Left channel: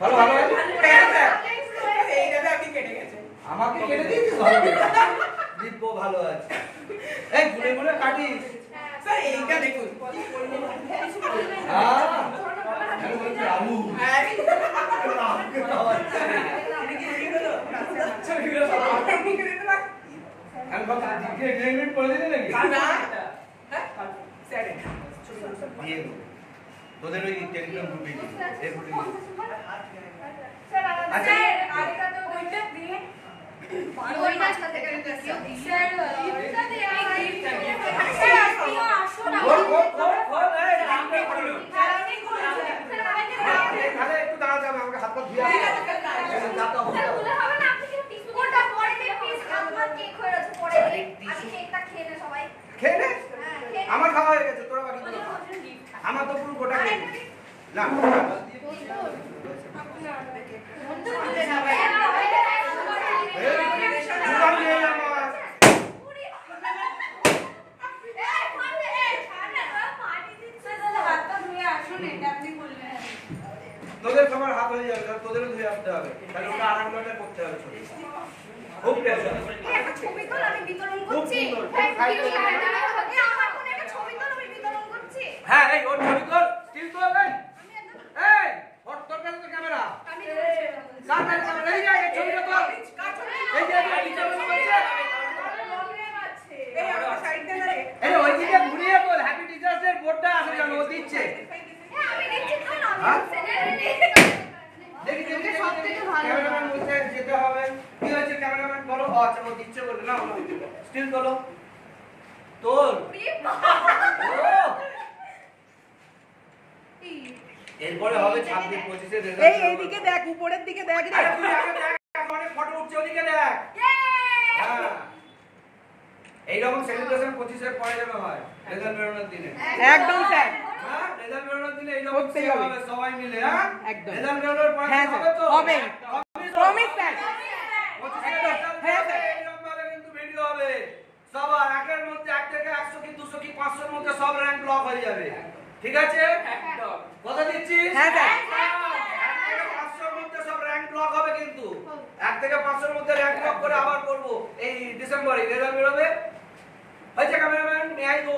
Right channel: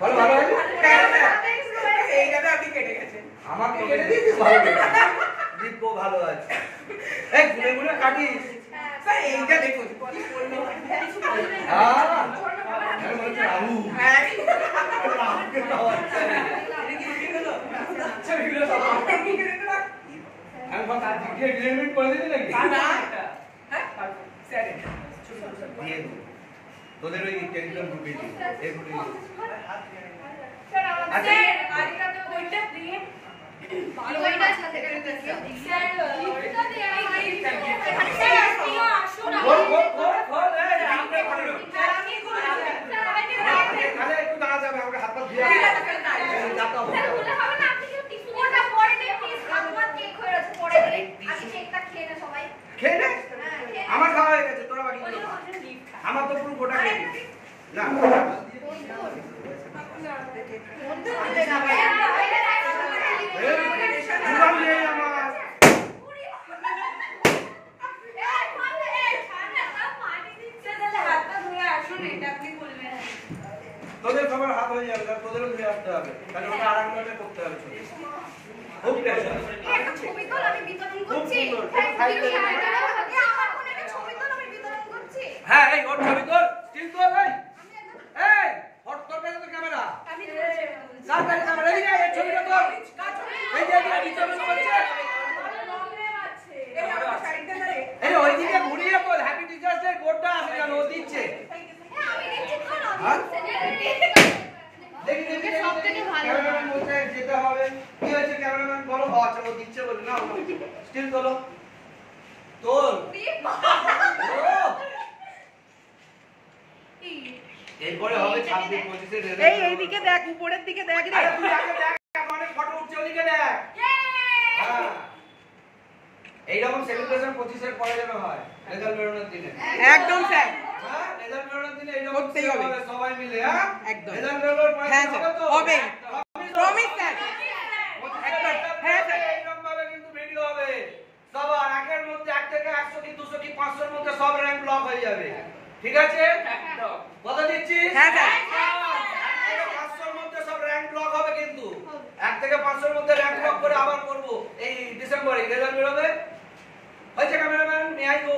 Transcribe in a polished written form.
ভালো ভালো এইটা আপনি কেটে গেছে আমাকে কেটে দিয়েছিস ভালো দিব্য ভালো আছে এই ঘুরে ঘুরে কাটিস স্যার এইটা দেখুন তোদের ওই টেলিগ্রাম গ্রুপে আমার খাওয়া হয়ে গেছে তোরা বাকি আমার তো পুরো গোটা খেয়ে না তোদের সবার হাত হয়ে যাবে তোদেরও ধুয়ে আসতে হবে তাহলে ওটা আর একবার করতে হবে খুব প্রেশার ছবি তোল আমি বিতরণ করছি হ্যাঁ এই ওর ছবি তোল স্টিল তোল এই হট তোর কাছে তো ক্যামেরা আমি সামনে ক্যামেরা এই এই ছবিটা তোল এই যে বিতরণ করছে এই আমার সাইডটা না রে এই ওইদিকে ঘুরিয়ে বল হ্যাপি টিচার্স ডে বোর্ডটা আসে যেন ও দিচ্ছে আমি দেখছি তো আমি দেখি দেখি সবথেকে ভালো ক্যামেরাম্যান বলছে যেতে হবে কি হয়েছে ক্যামেরাম্যান বলো আচ্ছা ও দিচ্ছে বলে না স্টিল তোলো তোল এরপরে হবে 26 25 এর রেজাল্ট এই এইদিকে দেখ উপরের দিকে দেখ রে আরে তুই আগে দেখ অনেক ফটো উঠছে ওদিকে দেখ হ্যাঁ এইরকম সেলিব্রেশন 25 এর পরে যেন হয় রেজাল্ট বেরোনোর দিনে একদম স্যার হ্যাঁ রেজাল্ট বেরোনোর দিনে এইরকম করতেই হবে সবাই মিলে হ্যাঁ একদম রেজাল্ট বেরোনোর পরে হ্যাঁ হবে তো হবে প্রমিস স্যার হ্যাঁ স্যার এইরকম ভাবে কিন্তু ভিডিও হবে সবার একের মধ্যে 1 থেকে 100 কি 200 কি 500 এর মধ্যে সব র‍্যাঙ্ক ব্লক হয়ে যাবে ঠিক আছে একদম কথা দিচ্ছিস হ্যাঁ স্যার 1 থেকে 500 এর মধ্যে সব র‍্যাঙ্ক ব্লক হবে কিন্তু 1 থেকে 500 এর মধ্যে র‍্যাঙ্ক ব্লক করে আবার করব এই ডিসেম্বরে রেজাল্ট বেরোবে হয়েছে ক্যামেরাম্যান নিয়ে আইবো